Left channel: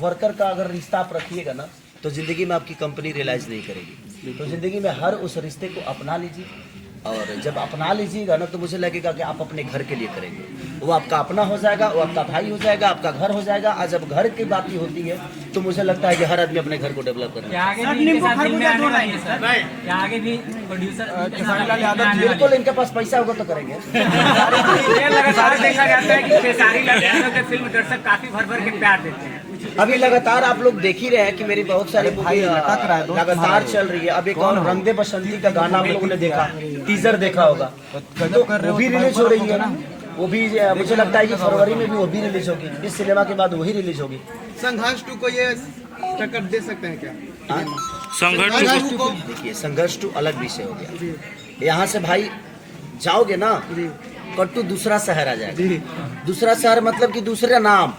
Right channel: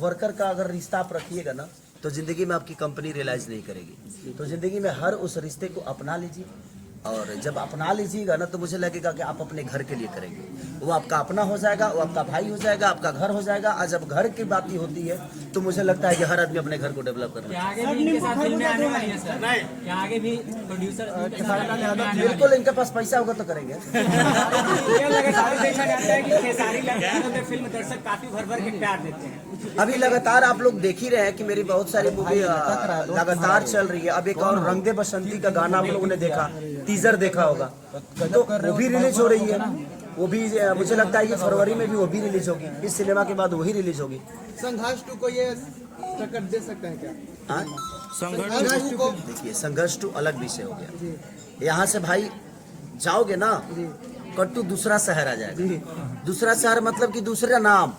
Worker का अगर रिश्ता आप रखिएगा ना तो ज़िंदगी में आपकी कंपनी रियलाइज़ नहीं करेगी। तो ज़िंदगी में हर उस रिश्ते को अपना लीजिए, और जब अपना लीजिएगा ना तो मुझे लगेगा कि आप अपने घर के लिए करेंगे, वो आपका अपना हो जाएगा, वो आपका भाई हो जाएगा, आपका घर हो जाएगा। आज जब घर की बात ही होती है तो मुझे लगता है कि हर आदमी अपने घर को डेवलप करना है। बिल्कुल, इनके पास पैसा होगा तो करेंगे। लगातार देखा जाता है कि खेसारी लाल यादव के फिल्म दर्शक काफी भर भर के प्यार देते हैं। अभी लगातार आप लोग देख ही रहे हैं कि मेरी बहुत सारे मूवी लगातार चल रही है। अब एक और रंग दे बसंती का गाना आप लोगों ने देखा, टीजर देखा होगा, वो भी रिलीज हो रही है ना। वो भी मुझे लगता है कि फरवरी में भी वो भी रिलीज होगी, इस सिनेमा के बाद वही रिलीज होगी। संघर्ष 2 को ये टक्कर दे सकते हैं क्या? संघर्ष को देखिए, संघर्ष 2 अलग विषय हो गया। यहाँ से भाई जाओगे ना, कट्टू दूसरा शहर आ जाएगा। दूसरा शहर मतलब कि दूसरा नाम,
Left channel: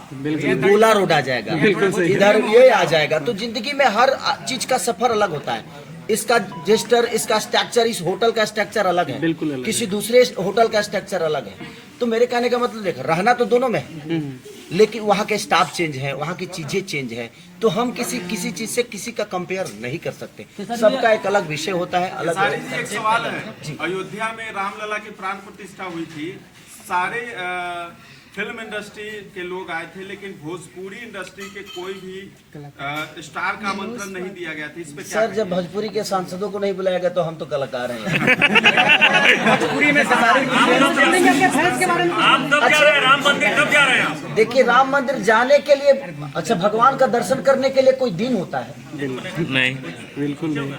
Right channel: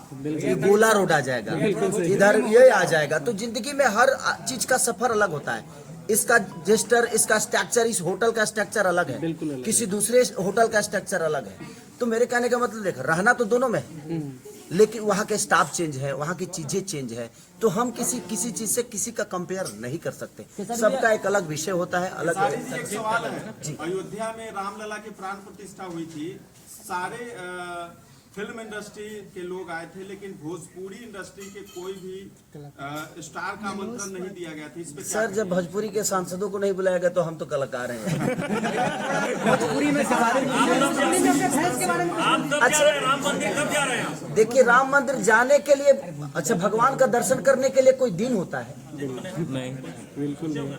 गोला रोड आ जाएगा, इधर ये आ जाएगा। तो जिंदगी में हर चीज का सफर अलग होता है। इसका जेस्टर, इसका स्ट्रक्चर, इस होटल का स्ट्रक्चर अलग है, किसी दूसरे होटल का स्ट्रक्चर अलग है। तो मेरे कहने का मतलब देख, रहना तो दोनों में है, लेकिन वहाँ के स्टाफ चेंज है, वहाँ की चीजें चेंज है। तो हम किसी चीज से किसी का कंपेयर नहीं कर सकते। सबका एक अलग विषय होता है, अलग। एक सवाल है, अयोध्या में रामलला की प्राण प्रतिष्ठा हुई थी, सारे फिल्म इंडस्ट्री के लोग आए थे, लेकिन भोजपुरी इंडस्ट्री के कोई भी स्टार का आमंत्रण नहीं दिया गया था। इस पे सर, जब भोजपुरी के सांसदों को नहीं बुलाया गया तो हम तो कलाकार हैं। राम मंदिर कब जा रहे हैं आप? देखिए, राम मंदिर जाने के लिए, अच्छा, भगवान का दर्शन करने के लिए कोई दिन होता है? नहीं, बिल्कुल नहीं।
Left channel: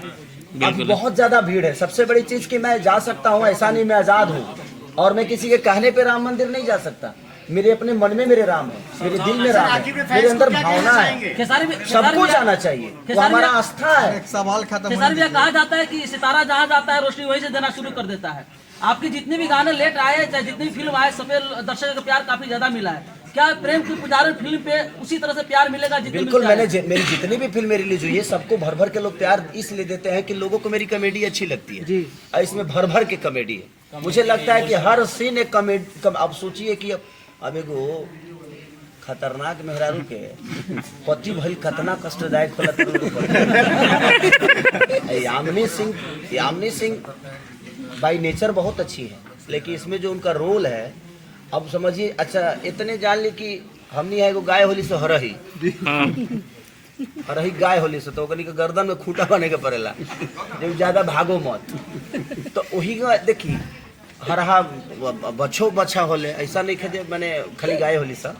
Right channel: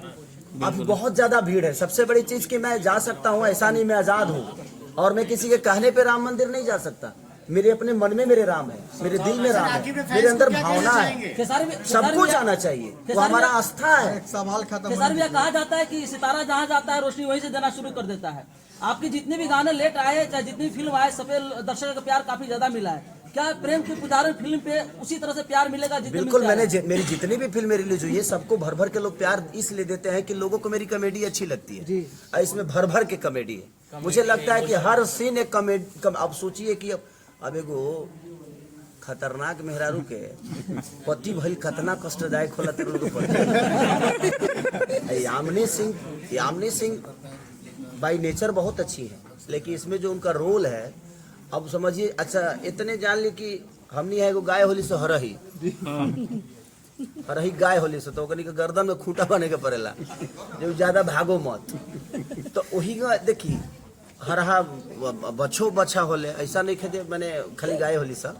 अब बहुत ज्यादा भीड़ है। सबसे बड़ी चीज कि मैं जा सकता हूँ, ऐसा नहीं, मैं आजाद हूँ, और मैं किसी के कहने पे राम मंदिर नहीं जा सकता। मेरे अपने मन में मेरे राम है, मेरे दिल में राम है, मेरे अंदर भावना है। सबको जाना चाहिए, वो हमारा आस्था है। सवाल खत्म। कहा जाता है कि सितारा जहाँ जाता है रोशनी वहीं से देना शुरू कर देता है। आपके जितने भी गाने लेट आए, चाहे जितनी भी फिल्म आए, सब दर्शकों का प्यार काफी ज्यादा मिला है। क्या प्रेम की पुजारी फिल्म पे उसी तरह से प्यार मिलेगा? बिल्कुल, मेरी जितनी भी फिल्म रिलीज हुई है, सबको भर भर के लोग प्यार इसलिए देते हैं कि लोगों को मेरी कॉमेडी अच्छी लगती है। और इसमें भर भर के कॉमेडी है। मुझे लगता है कि हर सीन एक कॉमेडी। आप सोचिए कि अब एगो खतरनाक मेहरारू के पति भइल कितना कष्टदायक होला। यामिनी सिंह बाई नेचर बहुत अच्छी है, लेकिन इसमें जो उनका रोल है, अब समझिए। अच्छा, इतने जान ली कि हमनी है एगो गाय होली से हरही गाय होली से, तो ओकनी के गर्दन में खूंटा बने के पड़ेला, जब ज्यादा भागो मत। तो वही देखी हरहा बछो बछा होले, ऐसा नहीं खेदे मैंने खाली गाय होली सब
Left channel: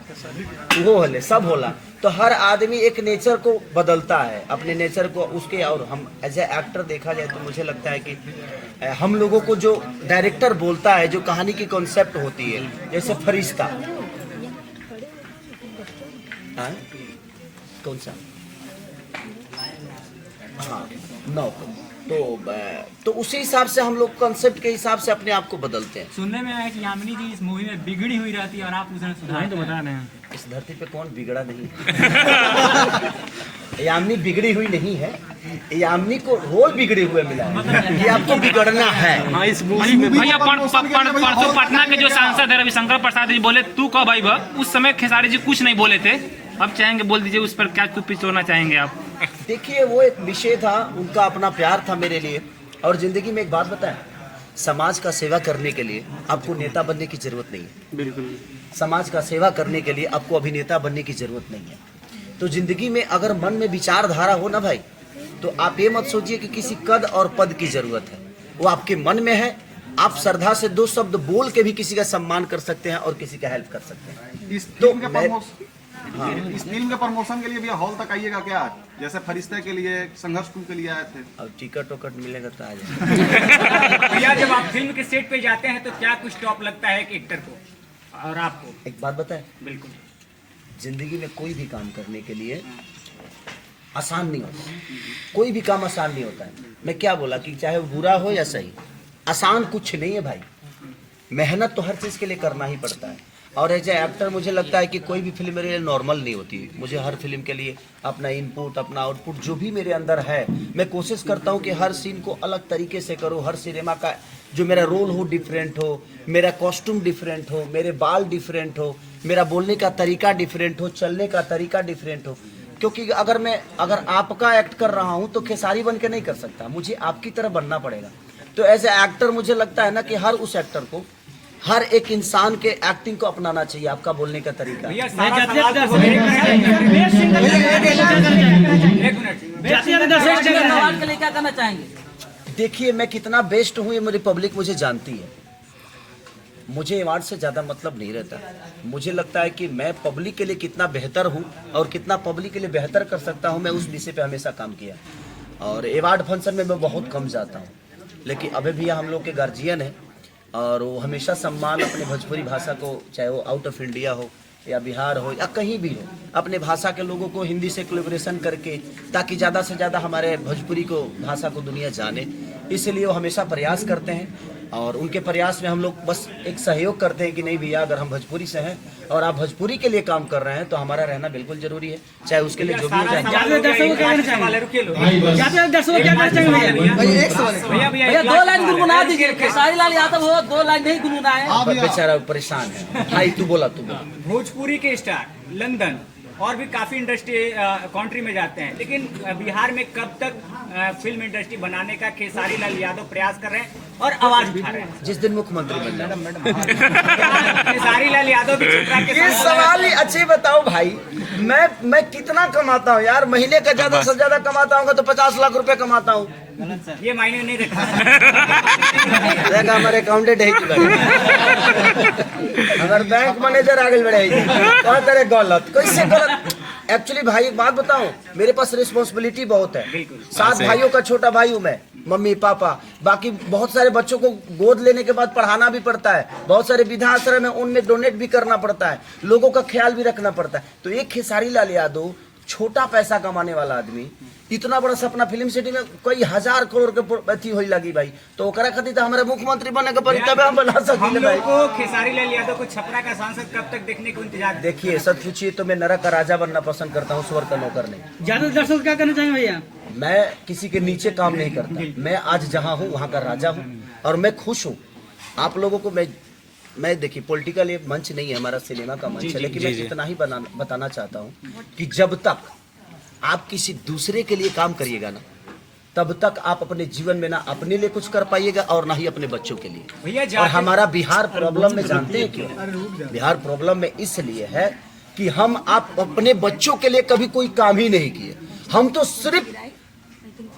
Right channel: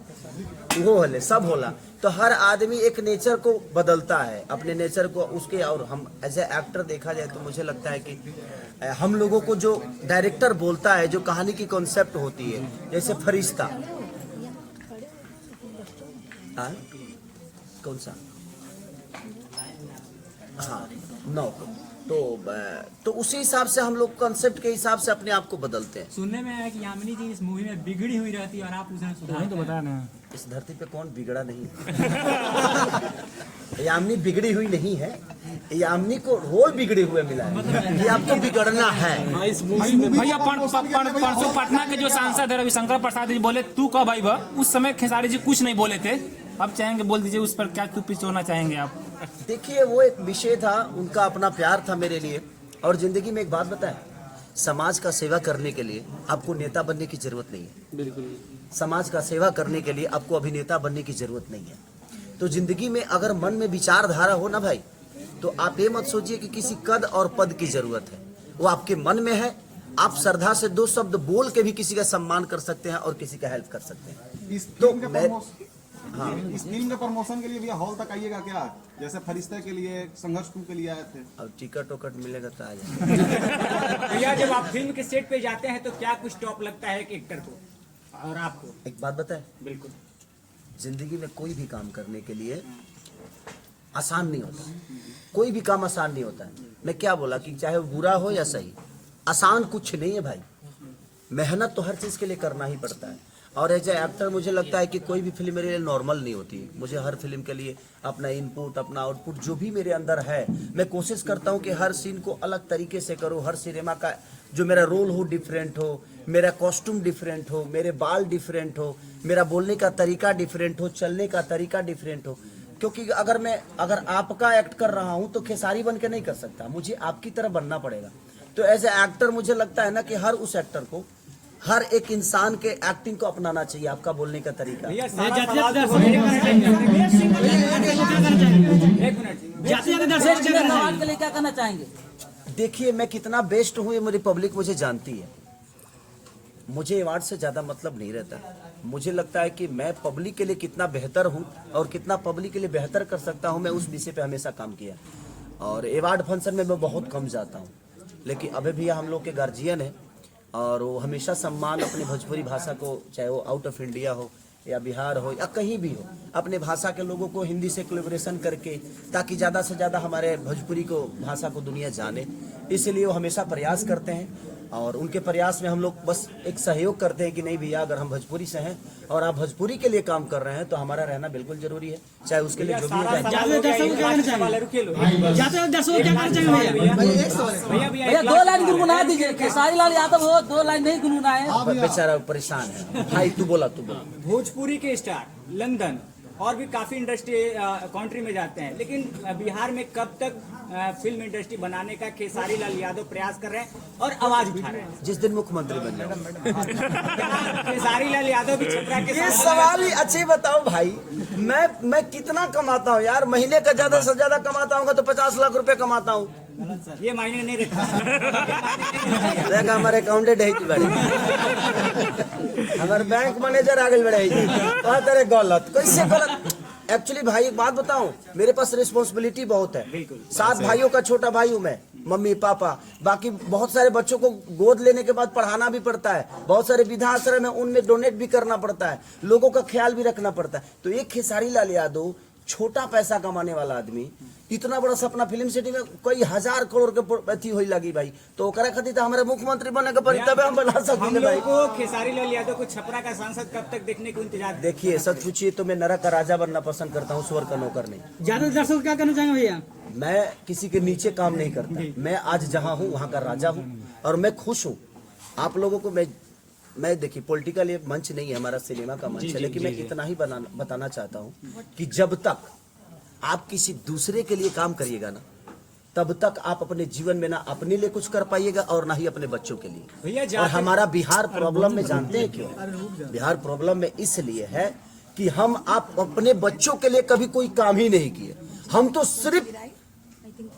वो होले, सब होला। तो हर आदमी एक नेचर को बदलता है, अपने नेचर को उसके। और हम एज ए एक्टर देखा जाए तो मुझे लगता है कि हम लोगों को जो डायरेक्टर बोलता है, जो कहानी की कॉन्सेप्ट होती है, जैसे फरिश्ता, कौन सा, हाँ, नौ, तो उसी हिसाब से हम लोग कॉन्सेप्ट के हिसाब से अपने आप को बदलते हैं। सुनने में आया कि यामिनी जी इस मूवी में बिगड़ी हुई रहती है और आप उसे सुधार तो बता रहे हैं। इस धरती पे कौन बिगड़ा नहीं? यामिनी बिगड़ी हुई नहीं है, यामिनी को रोल बिगड़े हुए मिला है। ये आपको बिगड़ना है। भैया, परसों पटना के जो सांसद है रविशंकर प्रसाद जी बोले तू कब आई बा, उस समय खेसारी जी कुछ नहीं बोले थे, अब चाहेंगे बोल दीजिए उस पर क्या तू पिछोड़ना चाहेंगे आप? देखिए, वो एक विषय था, उनका अपना प्यार था मेरे लिए। और जिंदगी में एक बात बताएं, समाज का सेवा करने के लिए आपको नेता बनने की जरूरत नहीं है। बिल्कुल, समाज का सेवा करने के लिए आपको अभिनेता बनने की जरूरत नहीं है। तो जिंदगी में अगर मन में विचारधारा हो ना भाई, तो आप ये मत सोचिए कि किसी कद और पद की जरूरत है। वो आपके मन में है। आप श्रद्धा से 2 शब्द बोल के भी किसी का सम्मान कर सकते हैं और किसी का हेल्प कर सकते हैं। इस फिल्म के प्रमोशन के लिए भी हॉल तक आइएगा क्या? जैसे फरिश्ते के लिए, संघर्ष 2 के लिए आए थे। अब टिकट मिलेगा तो आ जाएगा। भैया, जब आप फिल्म के सेट पे जाते हैं तो क्या कुछ टॉप लगता है एक एक्टर को और आपको? एक बात बताएं, बिल्कुल, जिंदगी में कोई भी काम करने के लिए आसान नहीं होता। कोई भी काम आसान नहीं होता है। मैं क्या बोला कि चाहे वो बुरा हो या सही, आसान कुछ नहीं है भाई। मेहनत तो हर चीज़ के लिए करना ही पड़ता है। और एज ए एक्टर मुझे लगता है कि कोई भी फिल्म मेरे लिए नॉर्मल नहीं होती है। मुझे हर फिल्म के लिए अपना इनपुट, अपना आउटपुट जो भी मेरे अंदर है, मैं कोशिश करता हूँ कि हर सीन को अलग तरीके से करूँ। हर सिनेमा का जो मेरा रोल हो डिफरेंट हो, मेरा कॉस्ट्यूम डिफरेंट हो, मेरे बाल डिफरेंट हो, मेरा बोलने का तरीका डिफरेंट हो, चलने का तरीका डिफरेंट हो। क्योंकि अगर आपका एक्ट कर रहा हूं तो खेसारी बन के नहीं कर सकता, मुझे आपकी तरह बनना पड़ेगा। तो एज ए एक्टर मुझे लगता है ना कि हर उस एक्टर को, हर एक इंसान के एक्टिंग को अपनाना चाहिए, आपका बोलने का तरीका। के लिए क्या करना चाहेंगे? देखिए, मैं कितना बेस्ट हूं ये मेरी पब्लिक मुझे जानती है। मुझे अवार्ड से ज़्यादा मतलब नहीं रहता। मुझे लगता है कि मैं पब्लिक के लिए कितना बेहतर हूं और कितना पब्लिक के लिए बेहतर कर सकता हूं, मैं उस विषय पे हमेशा काम किया। और अवार्ड फंक्शन में मैं बहुत कम जाता हूं, लेकिन अभी भी हम लोग के गार्जियन हैं और वो हमेशा सम्मान अपने भोजपुरी भाषा को, चाहे वो आउट ऑफ इंडिया हो या बिहार हो या कहीं भी हो, अपने भाषा के लोगों को हिंदी से कोलैबोरेशन करके, ताकि ज़्यादा से ज़्यादा हमारे भोजपुरी को भाषा को दुनिया जाने, इसलिए वो हमेशा प्रयास करते हैं। और उनके प्रयास में हम लोग बस एक सहयोग करते हैं कि नहीं भैया, अगर हम भोजपुरी से हैं और आप भोजपुरी के लिए काम कर रहे हैं तो हमारा रहना बिल्कुल जरूरी है, चाहे उसके लिए जो भी भैया 2 लाइन गुनगुना दीजिए। खेसारी लाल यादव हो, 2 लाइन नहीं गुनगुनाए। बेचारा परेशान है। भाई तू बोला। भोजपुरी के स्टार लंदन और भी काफी इंडस्ट्री कंट्री में जाते हैं, लेकिन बिहार में कब तक फिल्म इंडस्ट्री बनाने का खेसारी लाल यादव प्रयास कर रहे हैं और आवाज उठा रहे हैं? जिस दिन मुख्यमंत्री खेसारी लाल यादव भी छपरा के ये सवाल ही अच्छे बताओ भाई, मैं कितना कमाता हूँ यार? महीने का ज्यादा से ज्यादा कमाता हूँ तो 50 लाख रुपए कमाता हूँ। ये मायने नहीं रखा। देखा हमारे अकाउंटेंट है कि अगर बैंक मैनेजर आगे बढ़ेगी कौन करे गलत, कैसे गलत? एक्चुअली भाई एक बात बताऊं, मेरे पास रिस्पॉन्सिबिलिटी बहुत है। 7 भाइयों का छोटा भाई हूं मैं, मम्मी पापा, बाकी बहुत सारे बच्चों को गोद लेने के बाद पढ़ाना भी पड़ता है, बहुत सारे वृद्धाश्रम है उनमें डोनेट भी करना पड़ता है, लोगों का ख्याल भी रखना पड़ता है। तो एक खेसारी लाल यादव, छोटा पैसा कमाने वाला आदमी, इतना बड़ा सपना फिल्म सिटी में कई 1000 करोड़ के अथी होई लगी भाई, तो ओकरा खातिर तो हमारा मुख्यमंत्री बने के पड़ी तब हम बना हम सकते लोग को खेसारी लाल यादव को छपरा का सांसद कब तक देखने को इंतजार? देखिए सच पूछिए तो मैं नरक का राजा बनना पसंद करता हूँ, स्वर्ग का नौकर नहीं। ज्यादा दर्शक क्या करना चाहेंगे भैया? मैं किसी के नीचे काम नहीं करता, मैं आज जहाँ हूँ वहाँ का राजा हूँ और मैं खुश हूँ। आप लोगों को मैं देखिए, पॉलिटिकल एक मंच नहीं है हमारा, सिनेमा का मंच है, लेकिन मैं इतना ही बताना चाहता हूँ कि जब तक आप किसी दूसरे के लिए काम करिएगा ना, तब तक आप अपने जीवन में ना अपने लिए कुछ कर पाइएगा और ना ही अपने बच्चों के लिए। और हमारा बिहार प्रॉब्लम में जानते हैं क्यों? बिहार प्रॉब्लम में इसलिए है कि आप अपने बच्चों के लिए कभी कोई काम ही नहीं किए। हम तो सिर्फ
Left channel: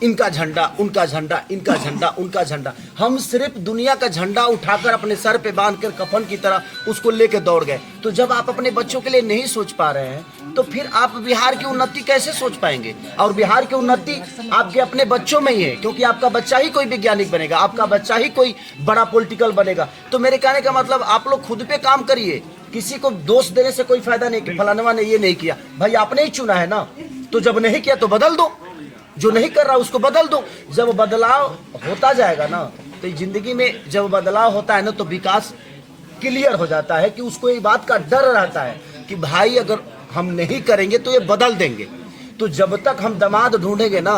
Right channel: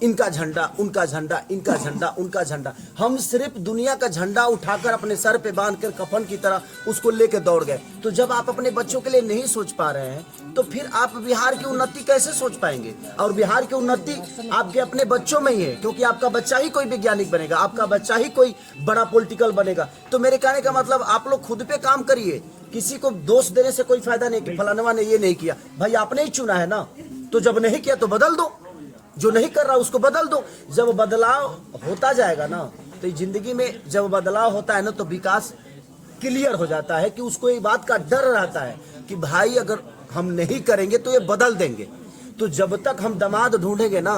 इनका झंडा, उनका झंडा, इनका झंडा, उनका झंडा, हम सिर्फ दुनिया का झंडा उठाकर अपने सर पे बांधकर कफन की तरह उसको लेके दौड़ गए। तो जब आप अपने बच्चों के लिए नहीं सोच पा रहे हैं तो फिर आप बिहार की उन्नति कैसे सोच पाएंगे? और बिहार की उन्नति आपके अपने बच्चों में ही है, क्योंकि आपका बच्चा ही कोई वैज्ञानिक बनेगा, आपका बच्चा ही कोई बड़ा पॉलिटिकल बनेगा। तो मेरे कहने का मतलब, आप लोग खुद पे काम करिए, किसी को दोष देने से कोई फायदा नहीं कि फलानवा ने ये नहीं किया। भाई आपने ही चुना है ना, तो जब नहीं किया तो बदल दो, जो नहीं कर रहा उसको बदल दो। जब बदलाव होता जाएगा ना, तो जिंदगी में जब बदलाव होता है ना तो विकास क्लियर हो जाता है कि उसको ये बात का डर रहता है कि भाई अगर हम नहीं करेंगे तो ये बदल देंगे। तो जब तक हम दामाद ढूंढेंगे ना,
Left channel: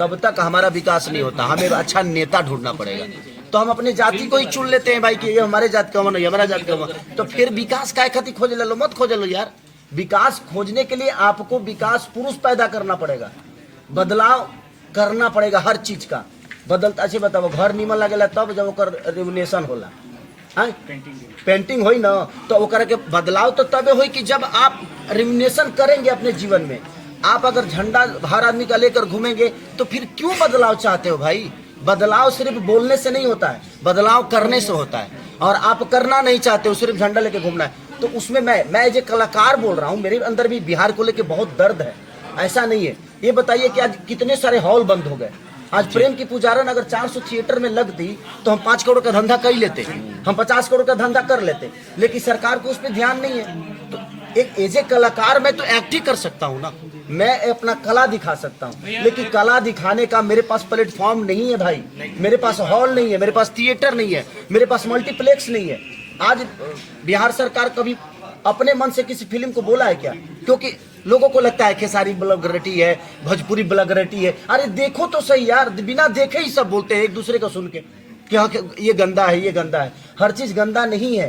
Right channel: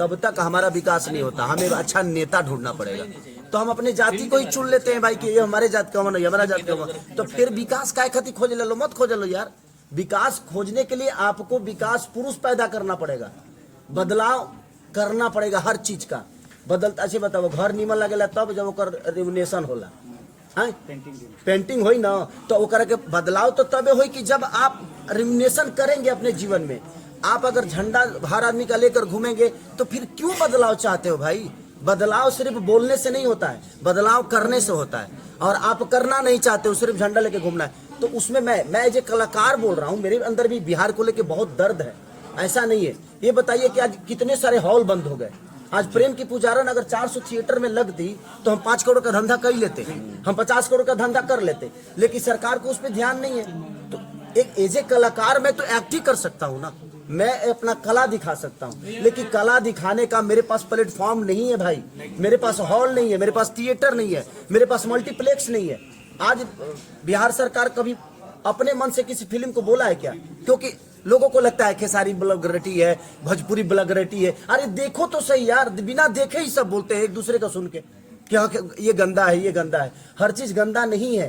तब तक हमारा विकास नहीं होता। हमें अच्छा नेता ढूंढना पड़ेगा। तो हम अपने जाति को ही चुन लेते हैं भाई कि ये हमारे जात का मन, हमारा जात का मन, तो फिर विकास काय खातिर खोज ले लो? मत खोज लो यार। विकास खोजने के लिए आपको विकास पुरुष पैदा करना पड़ेगा, बदलाव करना पड़ेगा हर चीज का। बदलता अच्छे बताओ, घर नीमन लगेला तब जब ओकर रिवोल्यूशन होला, पेंटिंग होई ना तो ओकर के बदलाव तो तबे होई कि जब आप रिवोल्यूशन करेंगे अपने जीवन में। आप अगर झंडा हर आदमी का लेकर घूमेंगे तो फिर क्यों बदलाव चाहते हो भाई? बदलाव सिर्फ बोलने से नहीं होता है, बदलाव करने से होता है। और आप करना नहीं चाहते हो, सिर्फ झंडा लेके घूमना है। तो उसमें मैं जो कलाकार बोल रहा हूँ, मेरे अंदर भी बिहार को लेके बहुत दर्द है। ऐसा नहीं है। ये बताइए कि आज कितने सारे हॉल बंद हो गए। आज प्रेम की पुजारन अगर 400 थिएटर में लगती तो हम 5 करोड़ का धंधा कर लेते, हम 50 करोड़ का धंधा कर लेते, लेकिन सरकार को उस पर ध्यान नहीं है। तो एक एज ए कलाकार मैं तो एक्ट ही कर सकता हूँ ना, मैं अपना कला दिखा सकता हूँ, लेकिन कला दिखाने का मेरे पास प्लेटफॉर्म नहीं है भाई। मेरे पास हॉल नहीं है, मेरे पास थिएटर नहीं है, मेरे पास मल्टीप्लेक्स नहीं है। आज बिहार सरकार कभी अपने मन से किसी फिल्म को बोला है क्या? क्योंकि लोगों को लगता है खेसारी ब्लॉगरेटी है, भोजपुरी ब्लॉगरेटी है। अरे देखो तो सही यार, बिना देखे ही सब बोलते हैं एक दूसरे का सुन के कि हाँ ये गंदा है, ये गंदा है। हर चीज गंदा नहीं है।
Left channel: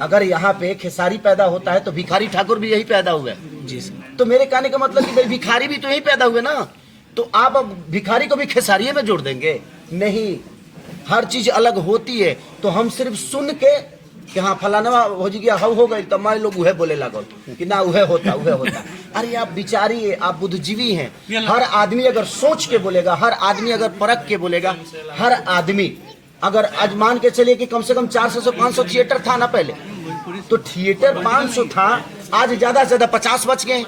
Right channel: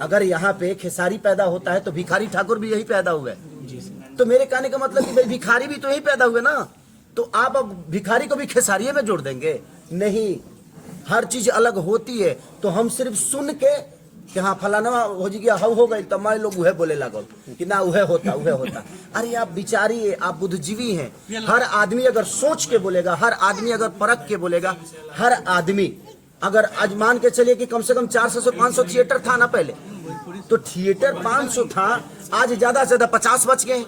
अगर यहाँ पे खेसारी पैदा होता है तो भिखारी ठाकुर भी यही पैदा हुए जी सर। तो मेरे कहने का मतलब कि भाई भिखारी भी तो यही पैदा हुए ना, तो आप अब भिखारी को भी खेसारी में जोड़ देंगे? नहीं, हर चीज अलग होती है। तो हम सिर्फ सुन के कि हाँ फलाना हो जी गया हो गई, तब हमारे लोग वह बोले लगो कि ना वह होता वह होता। अरे आप विचारिए, आप बुद्धिजीवी हैं। हर आदमी अगर सोच के बोलेगा, हर आदमी अगर परख के बोलेगा, हर आदमी अगर आज मान के चलिए कि कम से कम 400 से 500 थिएटर था ना पहले, तो थिएटर 500 था, आज ज्यादा से ज्यादा 50 बच गए।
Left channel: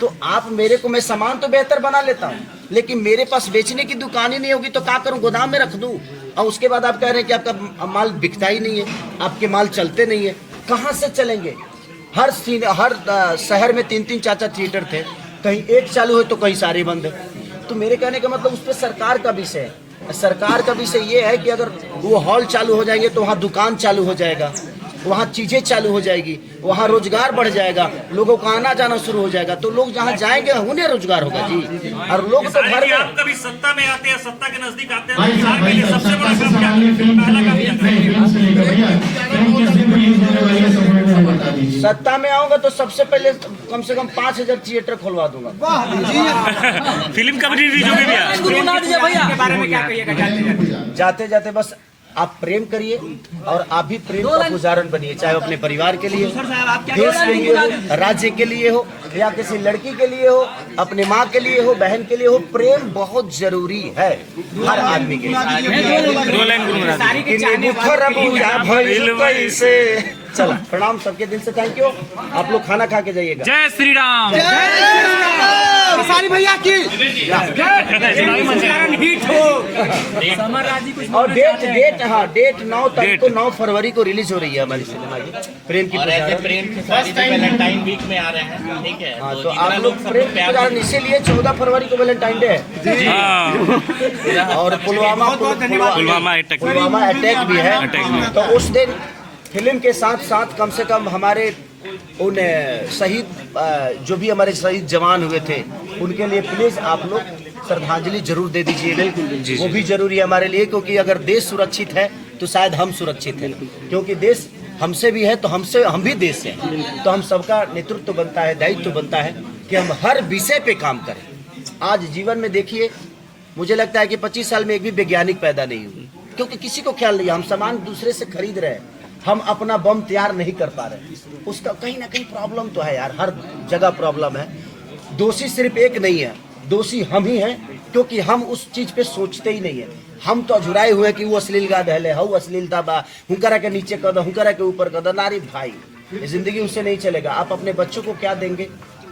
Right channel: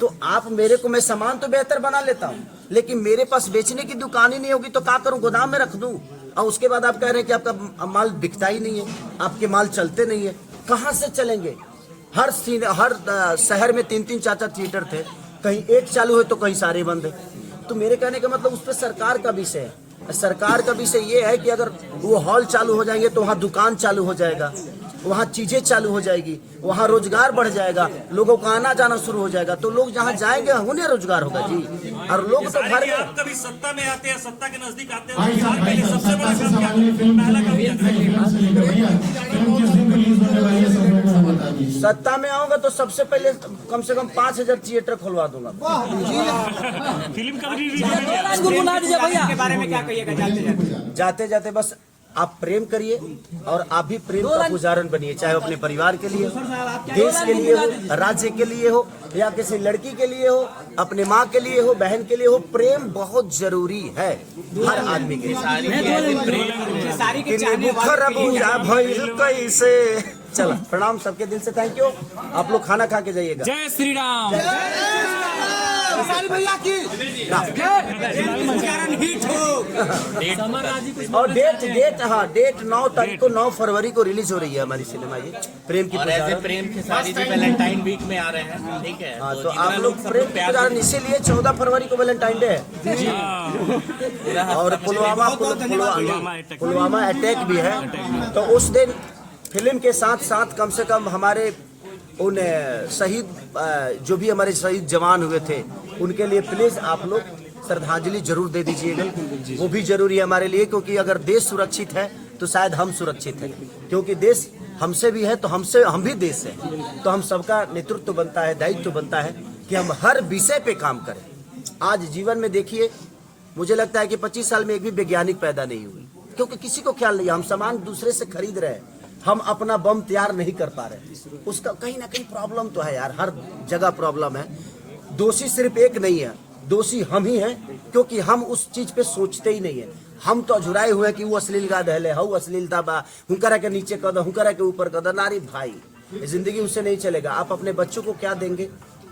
तो आप मेरे को, मैं सामान तो बेहतर बना लेता हूँ, लेकिन मेरे पास बेचने की दुकान ही नहीं होगी तो क्या करूँ, गोदाम में रख दूँ? और उसके बाद आप कह रहे हैं कि आपका माल बिकता ही नहीं है, आपके माल चलते नहीं है। कहाँ से चलेंगे? हर शहर में 3-3 4-4 थिएटर थे, कहीं एक चालू है तो कहीं सारे बंद है। तो मेरे कहने का मतलब उस पर सरकार का विषय है। सरकार का विषय ये है कि अगर वो हॉल चालू हो जाएंगे तो वहाँ दुकान चालू हो जाएगा, वहाँ चीजें चालू हो जाएगी, वहाँ रोजगार बढ़ जाएगा, लोगों का आना जाना शुरू हो जाएगा। तो लोग जहाँ जाएंगे उन्हें रोजगार होगा जी। और लोग तो घर में, आप कभी सत्ता में आते हैं, सत्ता के नजदीक आते हैं, तो बिहार के लिए सबसे बड़ा काम क्या करें? पहला काम क्या करें? सत्ता में आऊंगा तो सबसे पहले कम से कम 5000 थिएटर खुलवा दूंगा। फिल्म कब रिलीज होगी भैया? के बारे में क्या कहिएगा? जाते जाते बस आप प्रेम करिए और आप भी प्रेम का उदाहरण बनिए, चाहे अपने परिवार के लिए हो, देश आएंगे, राज्य के लिए हो, या किसी लड़की के लिए हो, अपने माँ के लिए हो, बहन के लिए हो। प्रेम बहुत जरूरी है हर आदमी के लिए। सारी के चाहने वाले से चलो, प्रणाम सबके दिल से, थैंक यू। आप लोग खाना खा के जाइएगा। जय श्री राम। सारी भैया की और डेट 9 तारीख को, 9 फरवरी को रिलीज हो रही है हमारी सिनेमा प्रेम की। और ऐसे प्रेम के साथ वैलेंटाइन वीक में आ रहे हैं, ठीक है? हाँ, तो जितना आप लोग प्रेम के कारण, इसीलिए 14 फरवरी को वैलेंटाइन डे है। और पुलवामा अटैक भी है। तो उस दिन फिल्म के साथ साथ कम से कम हमारे उन शहीद, जो भी हमारे शहीद जवान हुए थे, उनके लिए प्लीज आप लोग श्रद्धांजलि जरूर दे दीजिए। वो भी जरूरी है हमारे लिए, क्योंकि अगर देश सुरक्षित है तो शायद हम सुरक्षित हैं। क्योंकि देश हमसे भी है तो हम भी देश हैं। तो हम सबका नेतृत्व बनता है, दायित्व बनता है कि हम हर विषय पे काम करें। आज जीवन में देखिए, मुझे लगता है कि 25 साल में एक भी वैज्ञानिक पैदा नहीं हुए, क्योंकि किसी को ख्याल नहीं है। हम सामान दूसरे से खरीद रहे हैं, हम अपना बम तैयार नहीं कर पा रहे। उसका कहीं ना कहीं प्रॉब्लम तो है यार, हर जगह प्रॉब्लम है। दोषी सिर्फ एक नहीं है, दोषी हम ही हैं, क्योंकि हम उस चीज पे सोचते ही नहीं है। हम तो जुड़ाए हुए कि वो अश्लील गा दहले, हऊ अश्लीलता बा, हुंकरा के नीचे कर दो, हुंकरा के ऊपर कर दो। नारी भाई, जिंदगी उससे नहीं चलेगा। आप अपने बच्चों को क्या देंगे,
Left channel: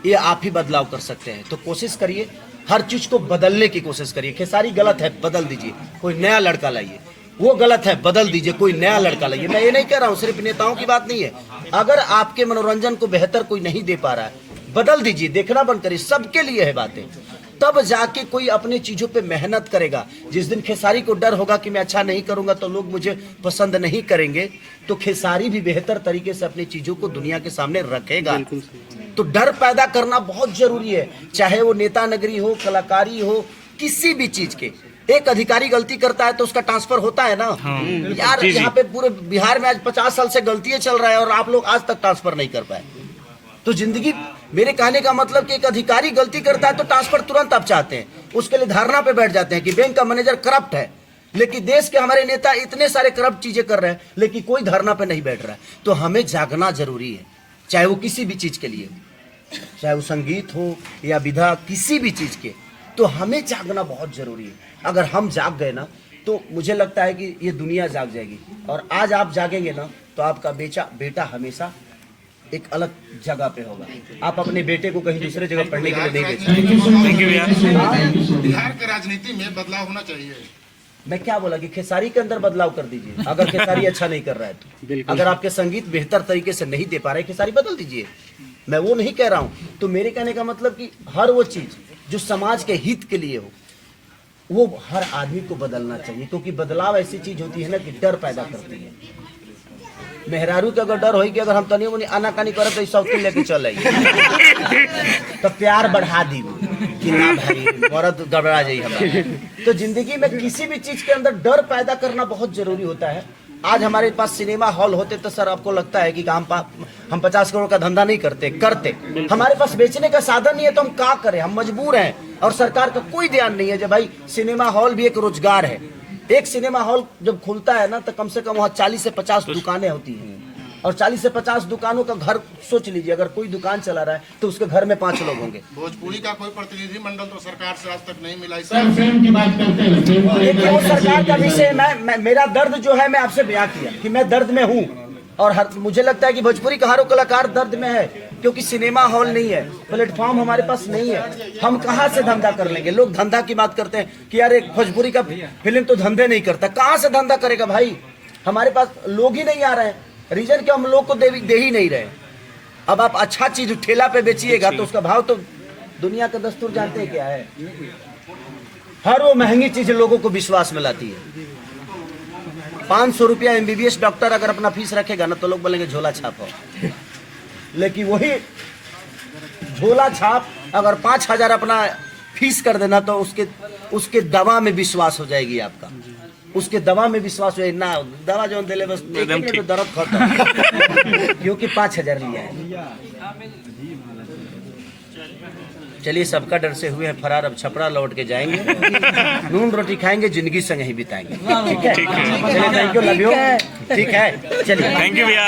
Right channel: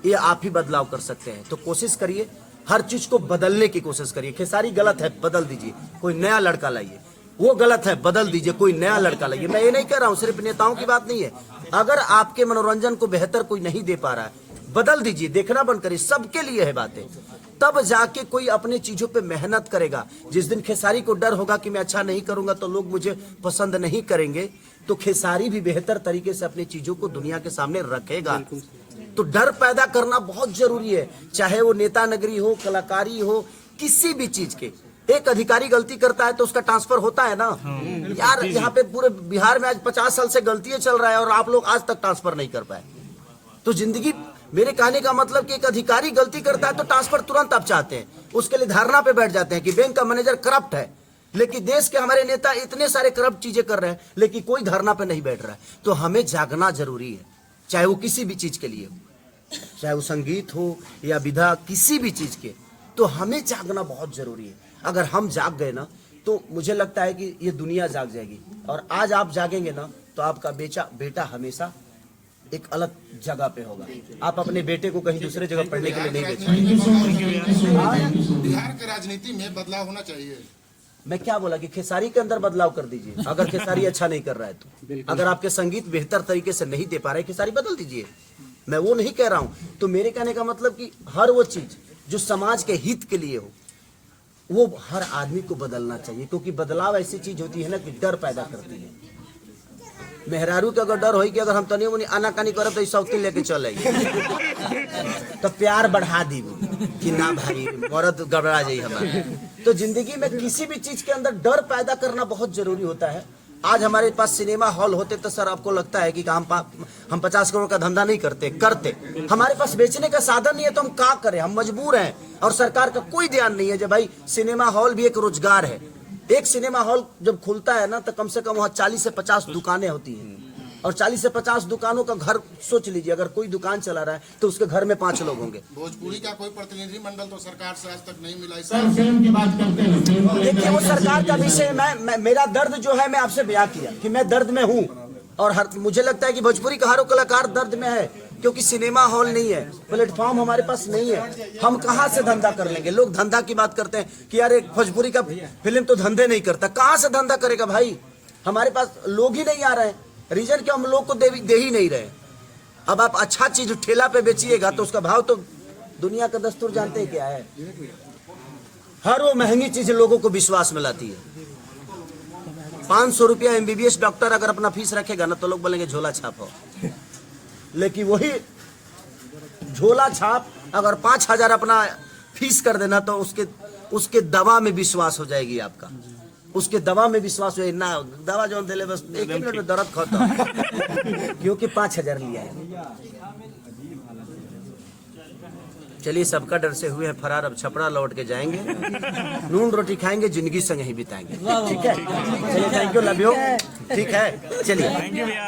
ये आप ही बदलाव कर सकते हैं। तो कोशिश करिए, हर चीज को बदलने की कोशिश करिए। खेसारी गलत है, बदल दीजिए, कोई नया लड़का लाइए। वो गलत है, बदल दीजिए, कोई नया लड़का लाइए। मैं ये नहीं कह रहा हूँ, सिर्फ नेताओं की बात नहीं है। अगर आपके मनोरंजन को बेहतर कोई नहीं दे पा रहा है, बदल दीजिए, देखना बंद करिए। सबके लिए है बातें, तब जाके कोई अपनी चीजों पे मेहनत करेगा। जिस दिन खेसारी को डर होगा कि मैं अच्छा नहीं करूंगा तो लोग मुझे पसंद नहीं करेंगे, तो खेसारी भी बेहतर तरीके से अपनी चीजों को दुनिया के सामने रखेगा। तो डर पैदा करना बहुत जरूरी है, चाहे वो नेता नगरी हो, कलाकारी हो, किसी भी चीज के। एक अधिकारी गलती करता है तो उसका ट्रांसफर होता है ना। यार यहाँ पे पूरे बिहार में आज 50 साल से गलतियां चल रहा है और आप लोग आज तक ट्रांसफर नहीं कर पाए। तो जिंदगी, मेरे कहने का मतलब कि एक अधिकारी गलती करता है तो ट्रांसफर तुरंत आप चाहते हैं, उसके लिए धारणा पे बैठ जाते हैं कि बैंक का मैनेजर करप्ट है। लेकिन देश के हमारे नेता इतने सारे करप्ट चीजें कर रहे हैं, लेकिन कोई धारणा पे नहीं बैठ रहा है। तो हमें जागना जरूरी है, चाहे वो किसी भी चीज के लिए, चाहे वो संगीत हो या विधा, किसी भी चीज के। तो हमें जागना बहुत जरूरी है। अगर हम जाग गए ना, तो मुझे लगता है कि ये दुनिया जाग जाएगी। और आज आप जागेंगे ना, तो आपका बेटा हमेशा एक अलग जगह पे होगा। आप अपने बेटे को कहीं दूसरे जगह पढ़ने के लिए देंगे। बिहार के राजनीति में बदलाव होना चाहिए। मैं क्या बोला कि खेसारी के अंदर बदलाव कर दीजिए। अगर खेसारी अच्छा नहीं कर रहा है तो, अगर आपके संगीत बेहतर तरीके से नहीं दे पा रहे, खेसारी बदल दीजिए। मैं वो नहीं कह रहा हूँ। तो मेरे कहने का मतलब कि हर वो चीज जो समाज के हित के लिए हो, वो हर आदमी को बदलना चाहिए। क्योंकि बदलाव ऐसी चीज होती है ना कि डर पैदा करती है। मेहरारू के अगर डर हो कि अगर हम तनी उन्हें आनाकानी करे तो शौकी लेके चल आई तो प्यार बढ़ा दी कि ना भाई औरत गड़बड़ा जाए हमारा। तो जिंदगी में किसी भी चीज के अंदर डर पैदा करना बहुत जरूरी होता है। आज हमारे पास सिनेमा हॉल होते तो सर आपको लगता है कि हम 50 करोड़ का धंधा नहीं करते। हमारे पास बेचने का साधन नहीं है तो हम क्या करें, हम मजबूर हैं। और सरकार का कोई ध्यान नहीं है कि भाई सिनेमा हॉल भी एक रोजगार है। एक सिनेमा हॉल जब खुलता है ना तो कम से कम वहाँ 40 से 50 दुकानें होती हैं, और 40 से 50 दुकानों का घर सोच लीजिए, अगर कोई दुकान चला रहा है तो उसके घर में 5 लोग होंगे। भोजपुरी का कोई प्रतिनिधि मंडल तो सरकार से आज तक नहीं मिला। फिल्म की बात करते हैं, देखिए वो सरकार का विषय मेरा दर्द जो है मैं आपसे बयां किया कि मैं दर्द में हूँ, और मुझे लगता है कि भोजपुरी का हर कलाकार दर्द में है, क्योंकि सिनेमा हॉल नहीं है, प्लेटफॉर्म हमारे पास नहीं है। हम कहाँ से धंधा कर लेंगे? लोग धंधा की बात करते हैं कि यार एक भोजपुरी का फिल्म तो धंधे नहीं करता, कहाँ से धंधा करेगा भाई? हमारे पास लोग ही नहीं आ रहे हैं। रीजन क्या, हम लोग को दे ही नहीं रहे। अब आप अच्छा चीज ठेला पे बेचिएगा तो उसका भाव तो दुनिया का दस्तूर जानते हैं क्या है। हर वो महंगी चीज लोगों को विश्वास में लाती है। 500 रुपया MBBS डॉक्टर अगर अपना फीस रखेगा ना तो लोग बोलेंगे झोला छाप हो, लेकिन वही झोला छाप अगर 5000 अपना फीस कर देना तो उसके दवा में विश्वास हो जाएगी आपका, उसके दवा में विश्वास हो ना, दवा जो दिले बस दर्द खत्म क्योंकि 5000 लिया है। चलिए, सबका डर से हुए हैं फरार, अब छपरा लौट के जाएंगे, नून रोटी खाएंगे, जिंदगी संग ही बिताएंगे। ठीक है, थैंक यू, लव यू। ठीक है, चलिए, थैंक यू भैया।